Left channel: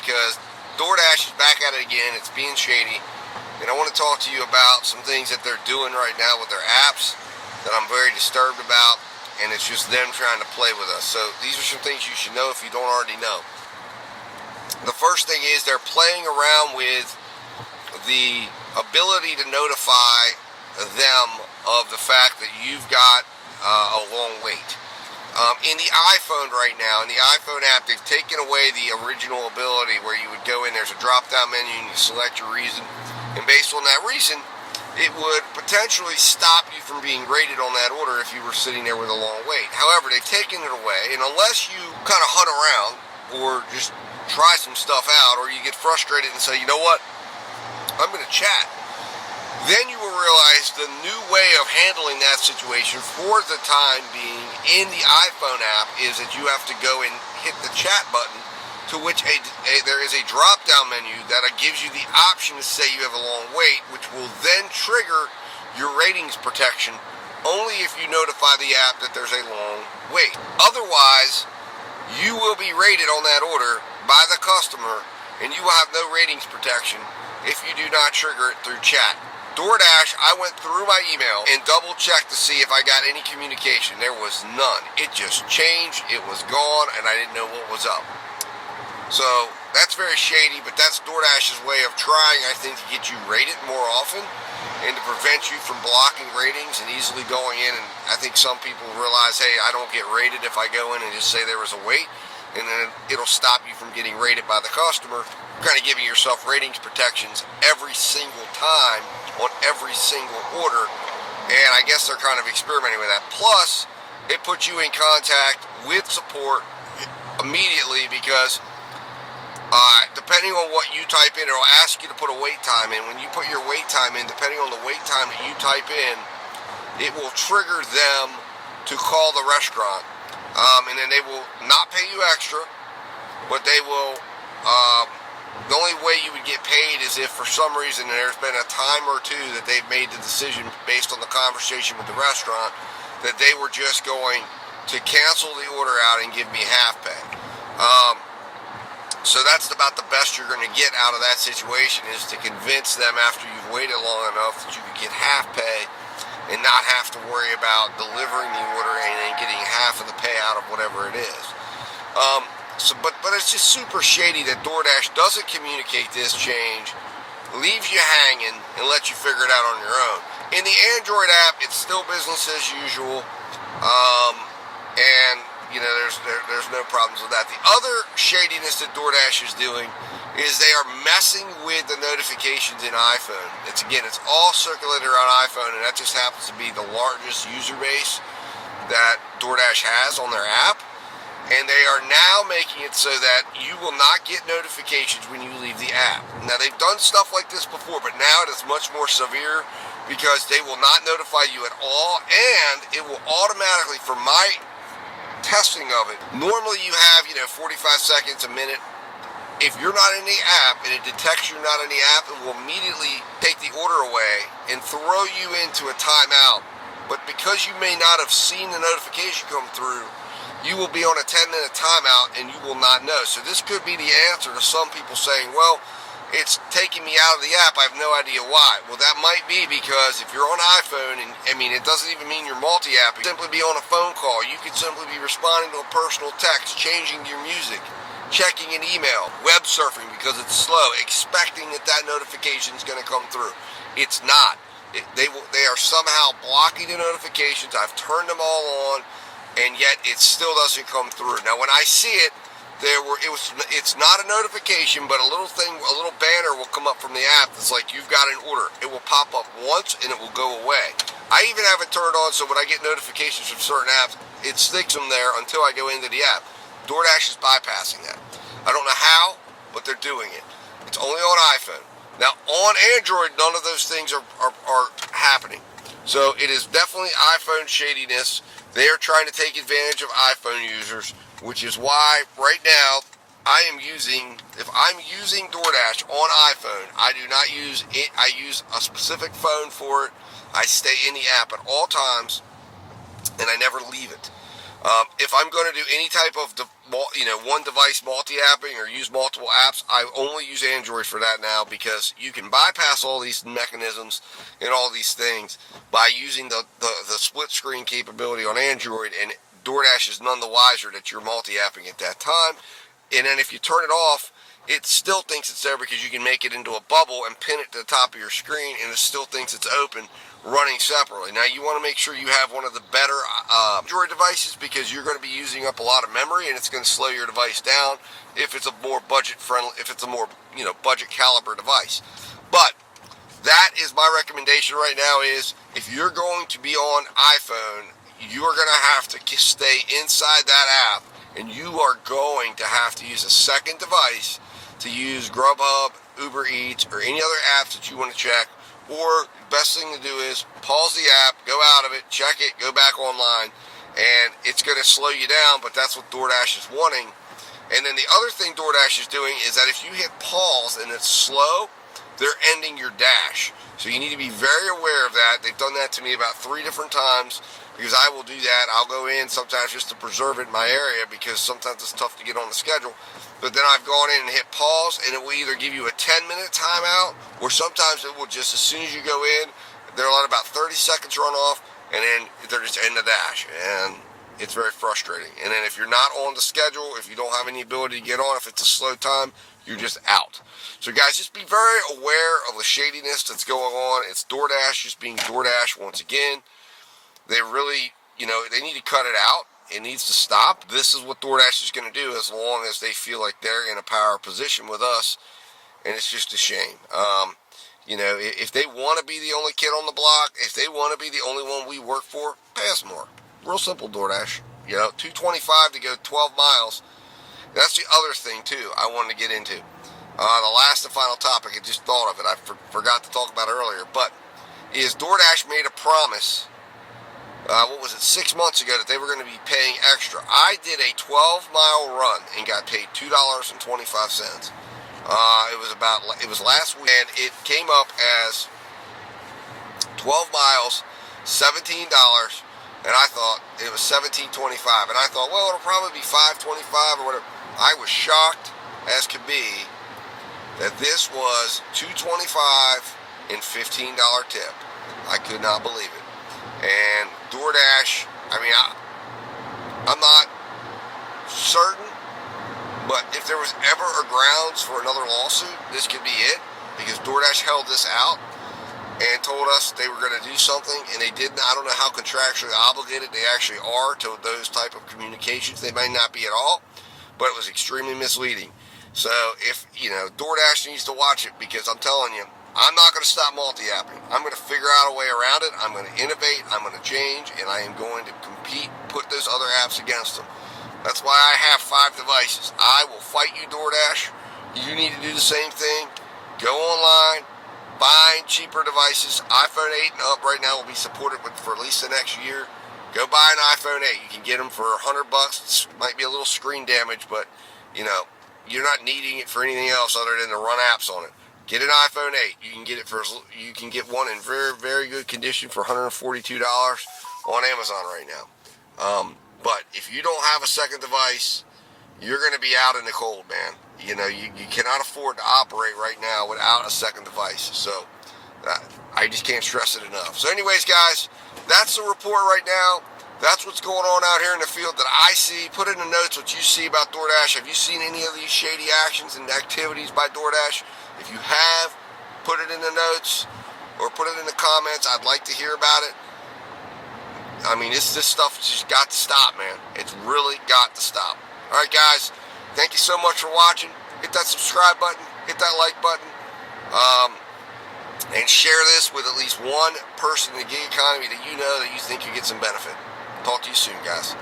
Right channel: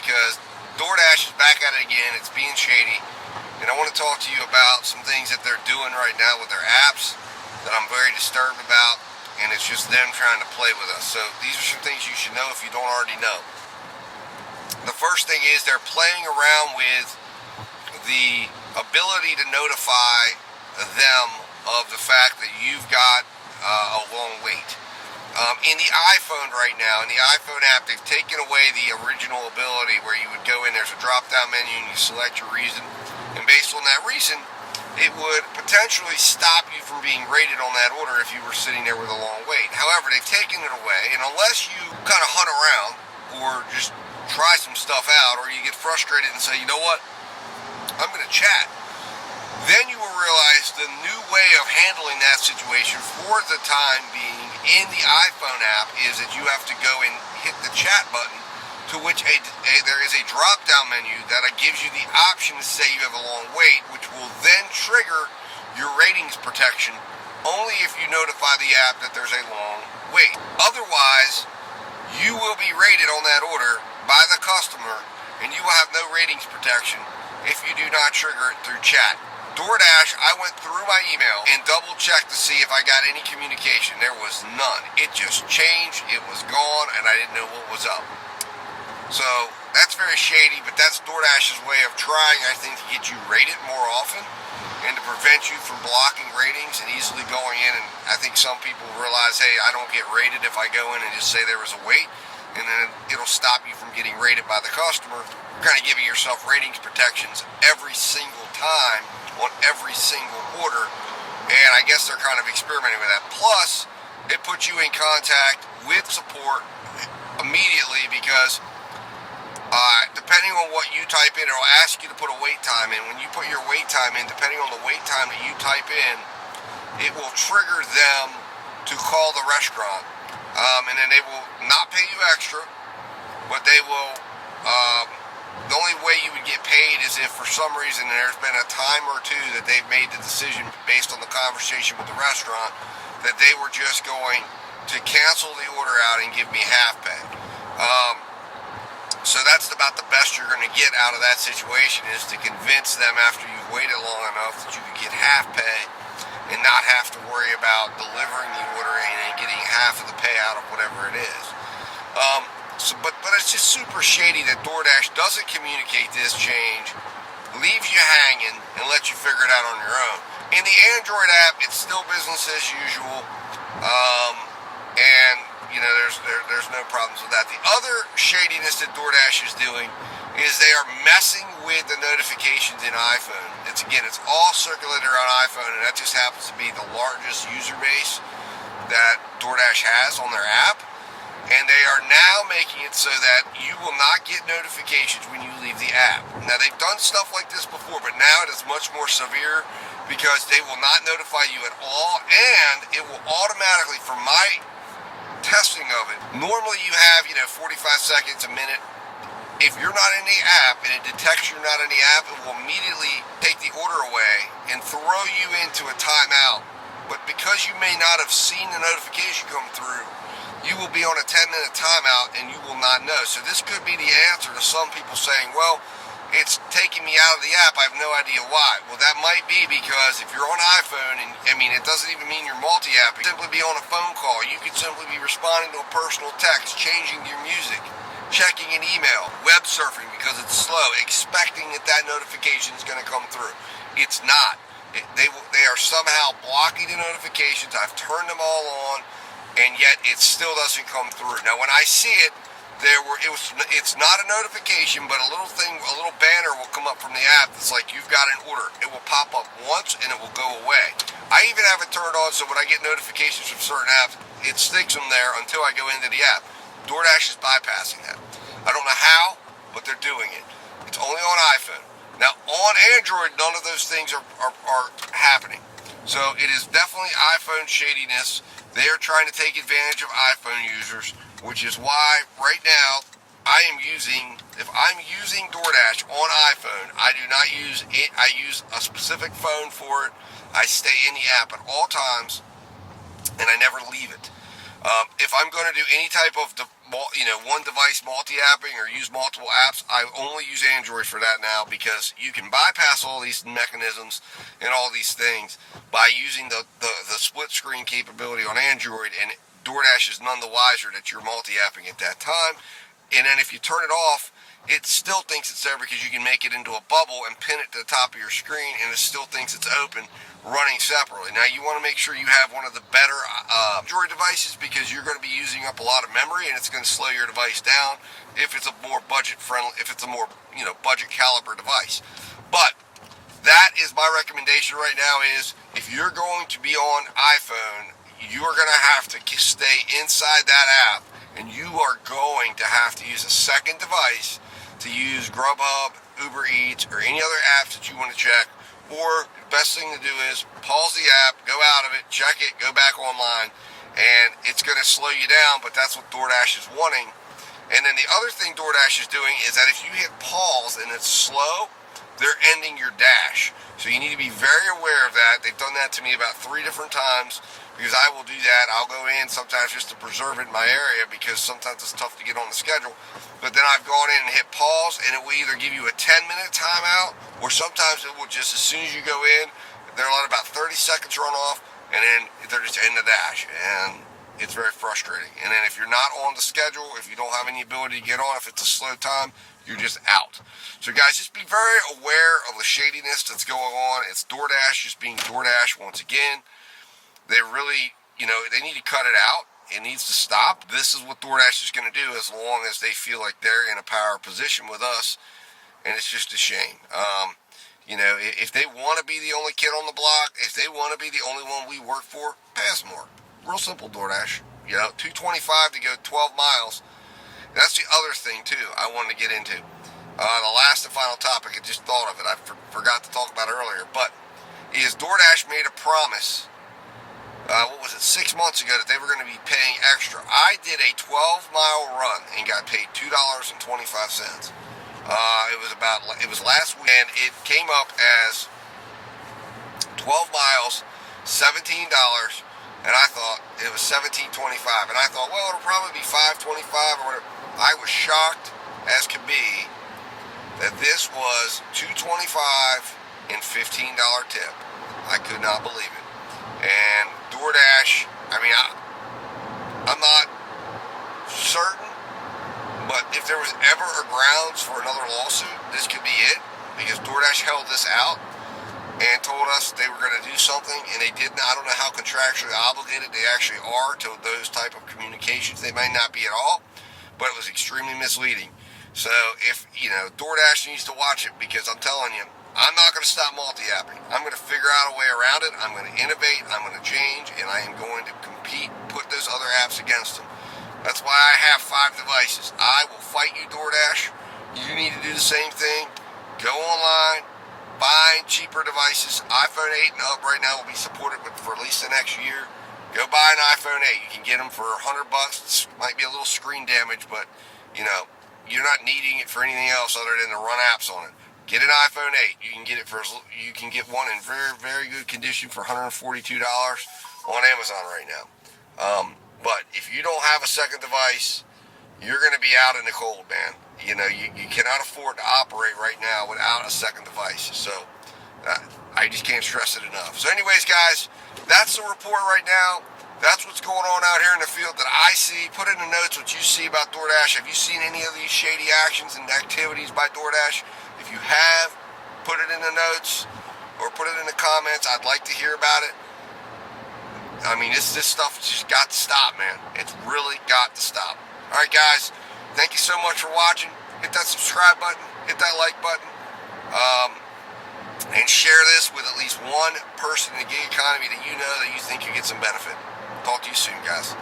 because DoorDash is back at it again. It's being shady. And I want to talk to you about some things that they're doing right now with their apps that I'm very disturbed about. And it's just them trying to play with us. So these are some things you should know if you don't already know. The first thing is they're playing around with the ability to notify them of the fact that you've got a long wait. In the iPhone right now, in the iPhone app, they've taken away the original ability where you would go in, there's a drop-down menu, and you select your reason. And based on that reason, it would potentially stop you from being rated on that order if you were sitting there with a long wait. However, they've taken it away, and unless you kind of hunt around or just try some stuff out, or you get frustrated and say, you know what, I'm going to chat, then you will realize the new way of handling that situation for the time being in the iPhone app is that you have to go and hit the chat button, to which there is a drop-down menu that gives you the option to say you have a long wait, which will then trigger your ratings protection only if you notify the app that there's a long wait. Otherwise, you will be rated on that order by the customer, and you will have no ratings protection if you do not trigger it through chat. DoorDash, I went through my email and double-checked to see if I got any communication. There was none. It just changed, it was gone, and I didn't know what was up. So, that's very shady, but that's DoorDash's way of trying, I think, to get you rated more often and to prevent you from blocking ratings and easily going in. And I think some people realize, hey, I don't get rated if I go in and just say there was a wait, and then it'll stop you from getting rated by the customer, kind of giving yourself ratings protections every single time on every single order. And I guess they're kind of experimenting with that. Plus, it puts you in contact with support immediately because depending on what you type in, it'll ask you to put a wait time in. When you put your wait time in, depending on the wait time that you type in, it will trigger them to call the restaurant. And then they will not pay you extra, but they will, the only way you would get paid is if for some reason there's been a time or two that they've made the decision based on the conversation with the restaurant that they were just going to cancel the order out and give me half pay. So that's about the best you're going to get out of that situation, is to convince them after you've waited long enough that you can get half pay and not have to worry about delivering the order and then getting half of the payout of whatever it is. But it's just super shady that DoorDash doesn't communicate this change, leaves you hanging, and lets you figure it out on your own. In the Android app, it's still business as usual, and you know there's no problems with that. The other shadiness that DoorDash is doing is they are messing with the notifications in iPhone. It's all circulated around iPhone, and that just happens to be the largest user base that DoorDash has on their app. And they are now making it so that you will not get notifications when you leave the app. Now, they've done stuff like this before, but now it is much more severe because they will not notify you at all, and it will automatically, from my testing of it, normally you have, 45 seconds, a minute. If you're not in the app and it detects you're not in the app, it will immediately take the order away and throw you into a timeout. But because you may not have seen the notification come through, you will be on a 10-minute timeout and you will not know. So this could be the answer to some people saying, well, it's taking me out of the app, I have no idea why. Well, that might be because if you're on iPhone, and it doesn't even mean you're multi-app, you simply be on a phone call, you could simply be responding to a personal text, changing your music, checking an email, web surfing because it's slow, expecting that notification is going to come through. It's not. They are somehow blocking the notifications. I've turned them all on, and yet it still doesn't come through. Now, when I see it, it's not a notification, but a little banner will come up from the app that's like, you've got an order. It will pop up once, and it will go away. I even have it turned on so when I get notifications from certain apps, it sticks them there until I go into the app. DoorDash is bypassing that. I don't know how, but they're doing it. It's only on iPhone. Now, on Android, none of those things are happening. So it is definitely iPhone shadiness. They are trying to take advantage of iPhone users, which is why right now if I'm using DoorDash on iPhone, I do not use it. I use a specific phone for it. I stay in the app at all times, and I never leave it. If I'm going to do any type of, one device multi-apping or use multiple apps, I only use Android for that now, because you can bypass all these mechanisms and all these things by using the split screen capability on Android, and DoorDash is none the wiser that you're multi-apping at that time. And then if you turn it off, it still thinks it's there, because you can make it into a bubble and pin it to the top of your screen, and it still thinks it's open, running separately. Now, you want to make sure you have one of the better Android devices, because you're going to be using up a lot of memory, and it's going to slow your device down if it's a more budget-friendly, if it's a more, budget caliber device. But that is my recommendation right now, is if you're going to be on iPhone, you are going to have to stay inside that app, and you are going to have to use a second device to use Grubhub, Uber Eats, or any other apps that you want to check. Or the best thing to do is pause the app, go out of it, check it, go back online, and it's going to slow you down, but that's what DoorDash is wanting. And then the other thing DoorDash is doing is that if you hit pause and it's slow, they're ending your dash. So you need to be very aware of that. They've done that to me about 3 different times, because I will do that. I'll go in sometimes just to preserve it in my area, because sometimes it's tough to get on the schedule. But then I've gone in and hit pause, and it will either give you a 10-minute timeout, or sometimes it will just, as soon as you go in, they'll let about 30 seconds run off, and then they're just end the dash. And it's very frustrating. And then if you're not on the schedule, if you don't have any ability to get on, if it's a slow time, you're just out. So guys, just be very aware of the shadiness that's going on. It's DoorDash just being DoorDash once again. They really, they need to cut it out. It needs to stop. This is what DoorDash is going to do, as long as they feel like they're in a power position with us, and it's just a shame. If they want to be the only kid on the block, if they want to be the only one we work for, pay us more. Real simple, DoorDash. $2.25 to go 12 miles. That's the other thing, too, I wanted to get into. The last and final topic, I just thought of it. I forgot to talk about it earlier. But is DoorDash made a promise, 6 months ago, that they were going to be paying extra. I did a 12-mile run and got paid $2.25. It was last week, and it came up as 12 miles, $17, and I thought it was $17.25, and I thought, well, it'll probably be $5.25 or whatever. I was shocked as could be that this was $2.25 and $15 tip. I could not believe it. And DoorDash, I'm not certain, but if there was ever a grounds for another lawsuit, this could be it, because DoorDash held this out and told us they were going to do something, and they didn't. I don't know how contractually obligated they actually are to those type of communications. They might not be at all, but it was extremely misleading. So if, DoorDash needs to watch it, because I'm telling you, I'm not going to stop multi-apping. I'm going to figure out a way around it. I'm going to innovate. I'm going to change, and I am going to compete, put those other apps against them. That's why I have 5 devices. I will fight you, DoorDash. You need to do the same thing. Go online, buy cheaper devices. iPhone 8 and up right now will be supported for at least the next year. Go buy an iPhone 8. You can get them for $100. It might be a little screen damage, but, you're not needing it for anything else other than to run apps on it. Get an iPhone 8. You can get one in very, very good condition for $142 on Amazon right now. But if you don't have a second device, you're going to be out in the cold, man. You cannot afford to operate right now without a second device. So I just can't stress it enough. So anyways, guys, that's the report right now. That's what's going on out here in the field that I see. Put in the notes what you see about DoorDash. Have you seen any of these shady actions and activities by DoorDash? If you have, put it in the notes or put it in the comments. I'd like to hear about it. This stuff's just got to stop, man. It's really got to stop. All right, guys. Thank you so much for watching. Hit that subscribe button. Hit that like button. And share this with at least one person in the gig economy that you know that you think you get some benefit. Talk to you soon, guys.